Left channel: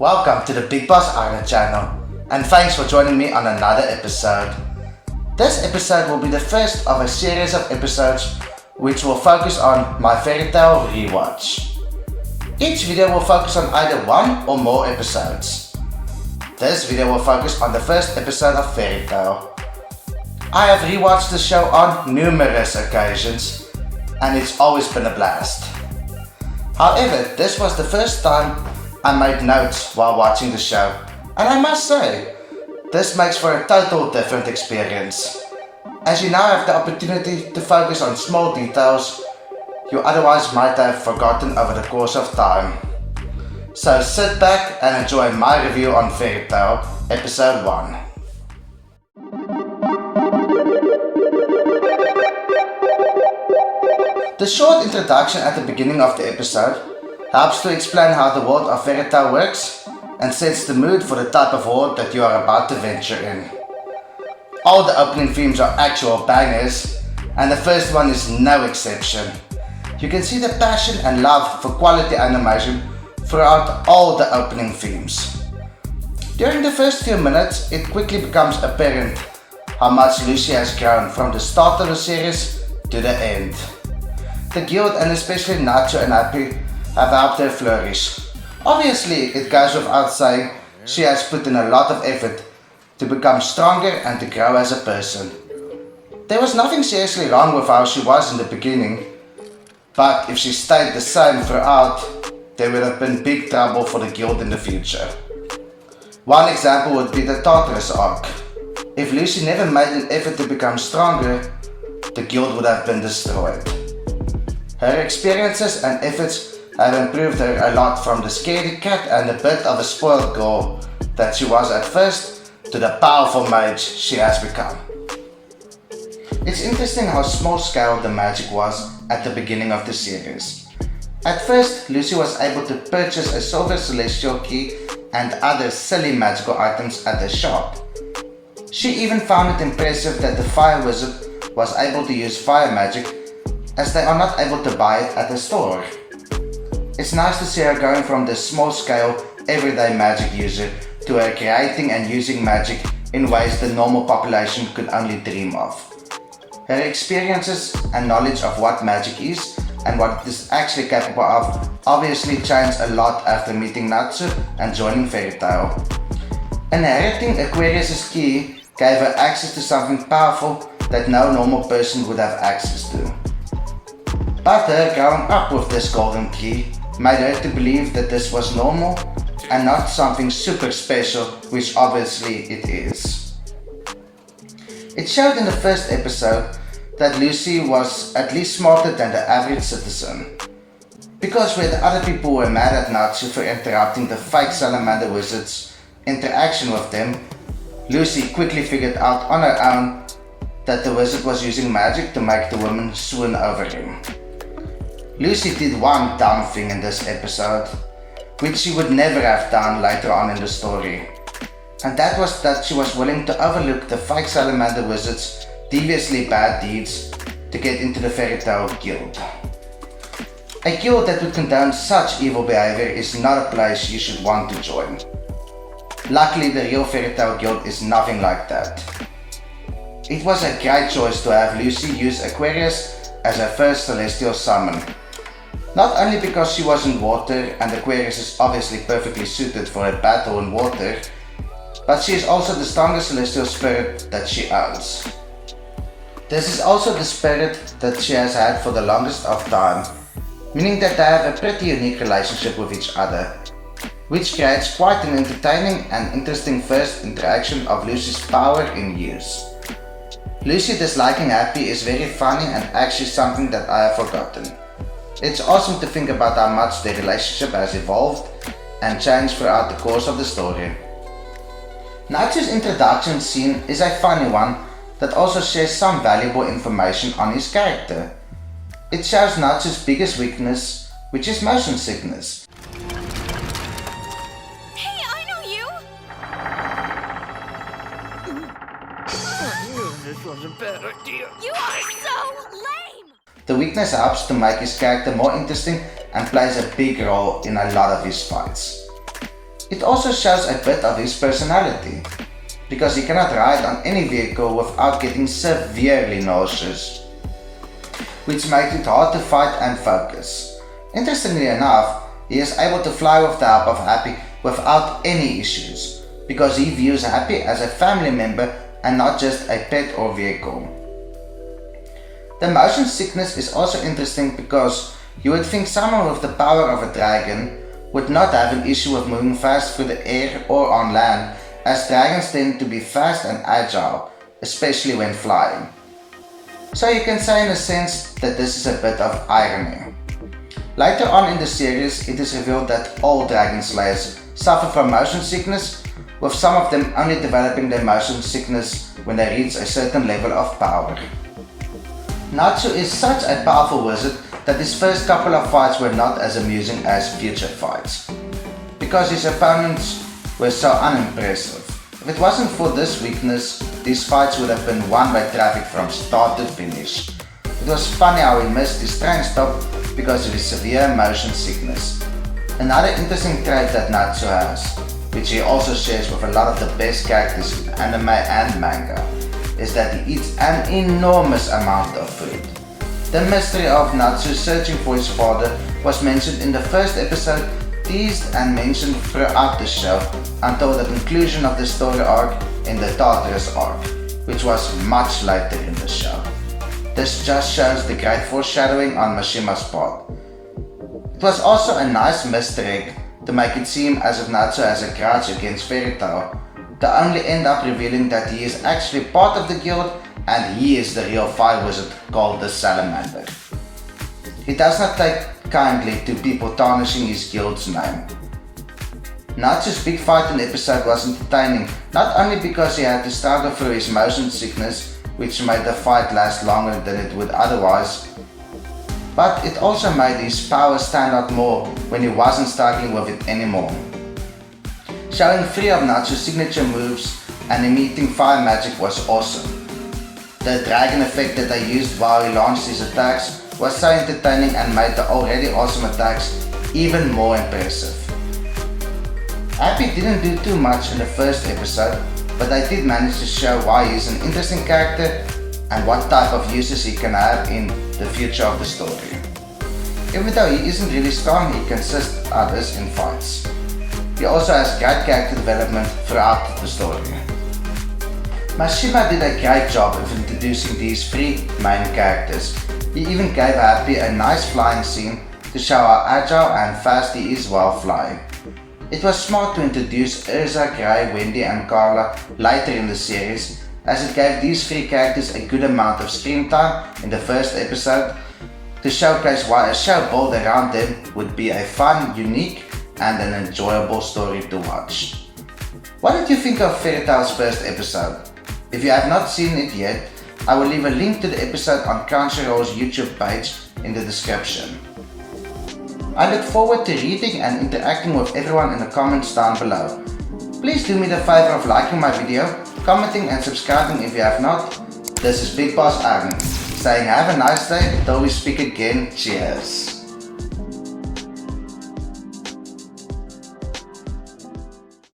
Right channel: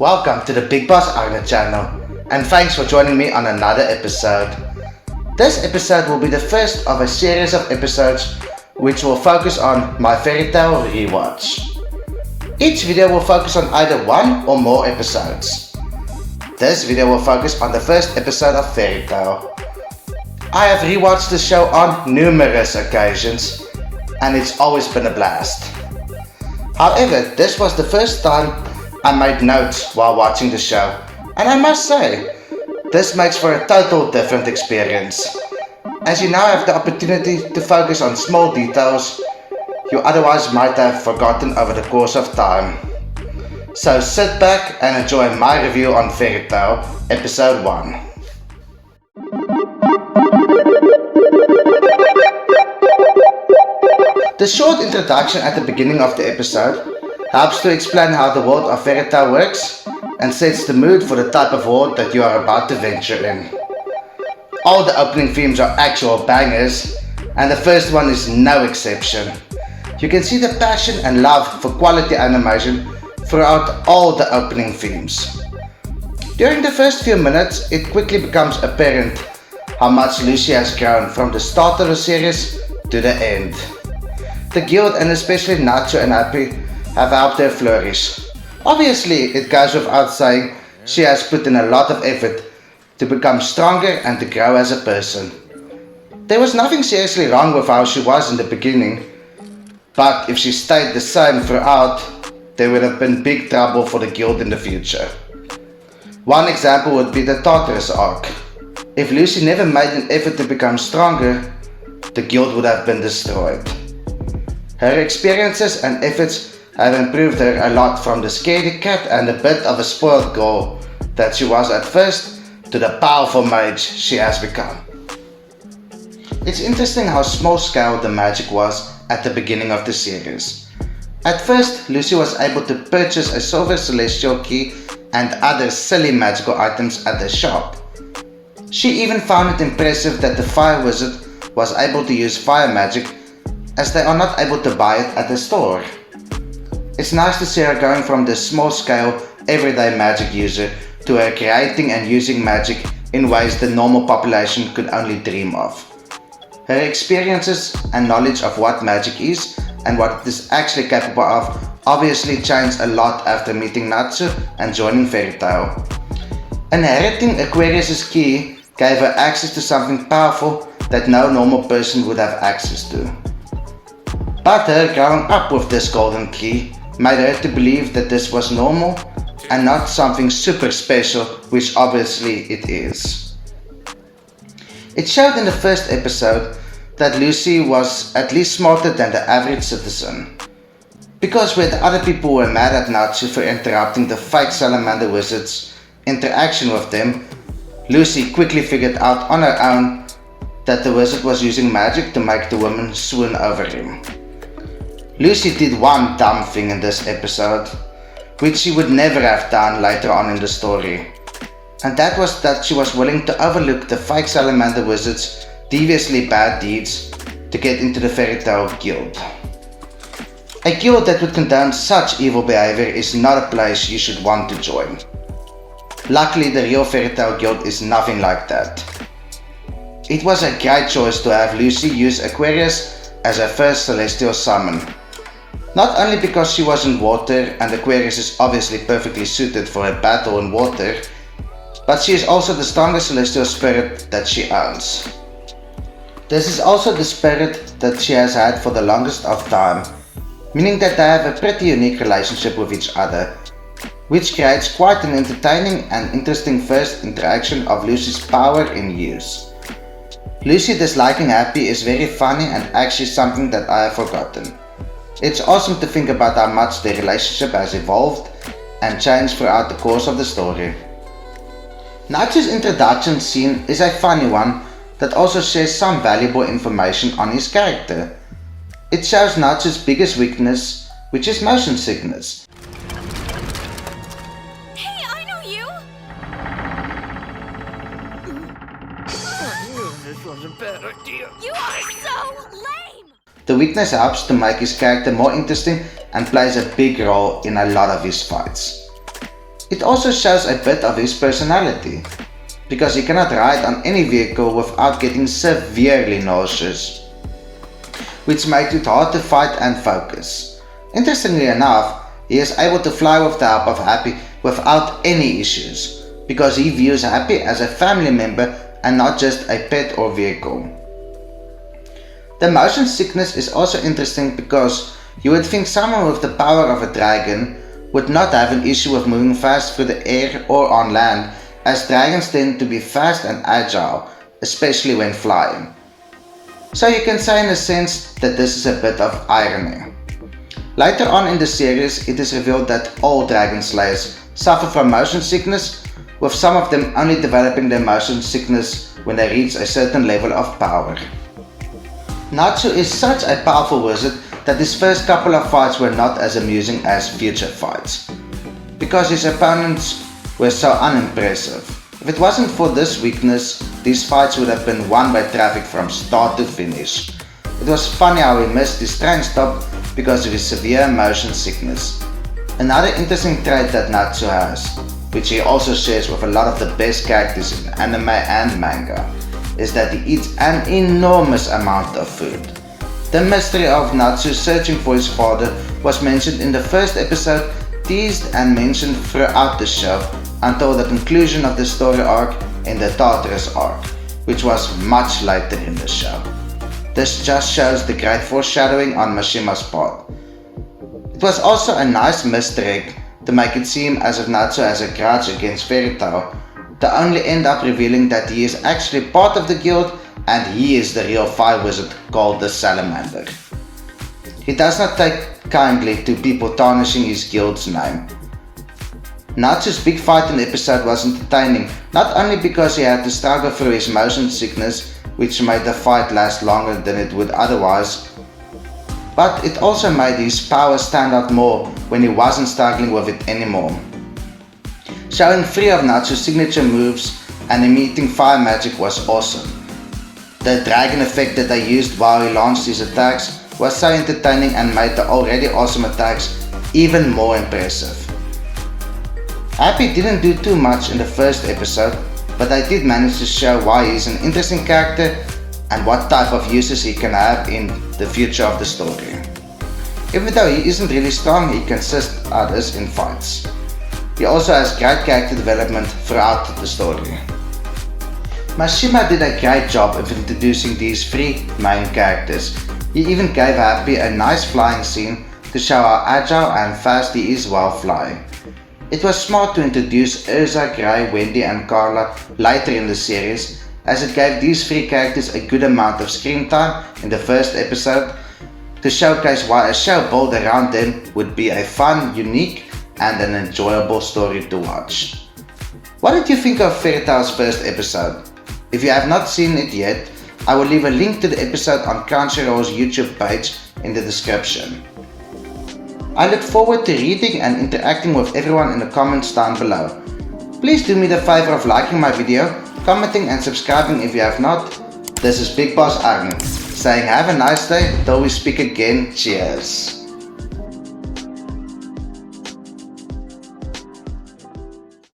Welcome to the Big Boss Arna channel, and thanks for joining me on another episode. This episode will be the first of a series of episodes which will focus on my fairy tale rewatch. Each video will focus on either one or more episodes. This video will focus on the first episode of Fairy Tale. I have rewatched the show on numerous occasions, and it's always been a blast. However, this was the first time I made notes while watching the show, and I must say, this makes for a total different experience, as you now have the opportunity to focus on small details you otherwise might have forgotten over the course of time. So sit back and enjoy my review on Fairy Tale Episode 1. The short introduction at the beginning of the episode helps to explain how the world of Fairy Tale works and sets the mood for the type of world that you are about to venture in. All the opening themes are actual bangers, and the first one is no exception. You can see the passion and love for quality animation throughout all the opening themes. During the first few minutes, it quickly becomes apparent how much Lucy has grown from the start of the series to the end. The guild, and especially Natsu and Happy, have helped her flourish. Obviously, it goes without saying, she has put in a lot of effort to become stronger and to grow as a person. There was nothing seriously wrong with how she was in the beginning, but if she stayed the same throughout, there would have been big trouble for the guild in the future. One example would be the Tartarus arc. If Lucy never made an effort to become stronger, the guild would have been destroyed. Her experiences and efforts have improved her a lot from the scaredy cat and a bit of a spoiled girl that she was at first to the powerful mage she has become. It's interesting how small scale the magic was at the beginning of the series. At first, Lucy was able to purchase a silver celestial key and other silly magical items at the shop. She even found it impressive that the fire wizard was able to use fire magic, as they are not able to buy it at the store. It's nice to see her going from the small-scale, everyday magic user to her creating and using magic in ways the normal population could only dream of. Her experiences and knowledge of what magic is and what it is actually capable of obviously changed a lot after meeting Natsu and joining Fairy Tale. Inheriting Aquarius' key gave her access to something powerful that no normal person would have access to. But her growing up with this golden key made her to believe that this was normal and not something super special, which obviously it is. It showed in the first episode that Lucy was at least smarter than the average citizen. Because where the other people were mad at Natsu for interrupting the fake salamander wizard's interaction with them, Lucy quickly figured out on her own that the wizard was using magic to make the woman swoon over him. Lucy did one dumb thing in this episode, which she would never have done later on in the story. And that was that she was willing to overlook the fake salamander wizard's deviously bad deeds to get into the Fairy Tale Guild. A guild that would condone such evil behavior is not a place you should want to join. Luckily, the real Fairy Tale Guild is nothing like that. It was a great choice to have Lucy use Aquarius as her first celestial summon. Not only because she was in water and Aquarius is obviously perfectly suited for a battle in water, but she is also the strongest celestial spirit that she owns. This is also the spirit that she has had for the longest of time, meaning that they have a pretty unique relationship with each other, which creates quite an entertaining and interesting first interaction of Lucy's power in use. Lucy disliking Happy is very funny and actually something that I have forgotten. It's awesome to think about how much their relationship has evolved and changed throughout the course of the story. Natsu's introduction scene is a funny one that also shares some valuable information on his character. It shows Natsu's biggest weakness, which is motion sickness. Hey, I know you! This was a bad idea. You are so lame! The weakness helps to make his character more interesting and plays a big role in a lot of his fights. It also shows a bit of his personality, because he cannot ride on any vehicle without getting severely nauseous, which makes it hard to fight and focus. Interestingly enough, he is able to fly with the help of Happy without any issues, because he views Happy as a family member and not just a pet or vehicle. The motion sickness is also interesting because you would think someone with the power of a dragon would not have an issue with moving fast through the air or on land, as dragons tend to be fast and agile, especially when flying. So you can say in a sense that this is a bit of irony. Later on in the series, it is revealed that all dragon slayers suffer from motion sickness, with some of them only developing their motion sickness when they reach a certain level of power. Natsu is such a powerful wizard that his first couple of fights were not as amusing as future fights, because his opponents were so unimpressive. If it wasn't for this weakness, these fights would have been one-way traffic from start to finish. It was funny how he missed his train stop because of his severe motion sickness. Another interesting trait that Natsu has, which he also shares with a lot of the best characters in anime and manga, is that he eats an enormous amount of food. The mystery of Natsu searching for his father was mentioned in the first episode, teased and mentioned throughout the show until the conclusion of the story arc in the Tartarus arc, which was much later in the show. This just shows the great foreshadowing on Mashima's part. It was also a nice misdirect to make it seem as if Natsu has a grudge against Fairy Tail, to only end up revealing that he is actually part of the guild and he is the real fire wizard called the Salamander. He does not take kindly to people tarnishing his guild's name. Natsu's big fight in the episode was entertaining, not only because he had to struggle through his motion sickness, which made the fight last longer than it would otherwise, but it also made his power stand out more when he wasn't struggling with it anymore. Showing 3 of Natsu's signature moves and emitting fire magic was awesome. The dragon effect that they used while he launched his attacks was so entertaining and made the already awesome attacks even more impressive. Happy didn't do too much in the first episode, but they did manage to show why he is an interesting character and what type of uses he can have in the future of the story. Even though he isn't really strong, he can assist others in fights. He also has great character development throughout the story. Mashima did a great job of introducing these 3 main characters. He even gave Happy a nice flying scene to show how agile and fast he is while flying. It was smart to introduce Urza, Grey, Wendy and Carla later in the series, as it gave these 3 characters a good amount of screen time in the first episode to showcase why a show built around them would be a fun, unique and an enjoyable story to watch. What did you think of Fairy Tail's first episode? If you have not seen it yet, I will leave a link to the episode on Crunchyroll's YouTube page in the description. I look forward to reading and interacting with everyone in the comments down below. Please do me the favor of liking my video, commenting and subscribing if you have not. This is Big Boss Arne, saying have a nice day till we speak again. Cheers.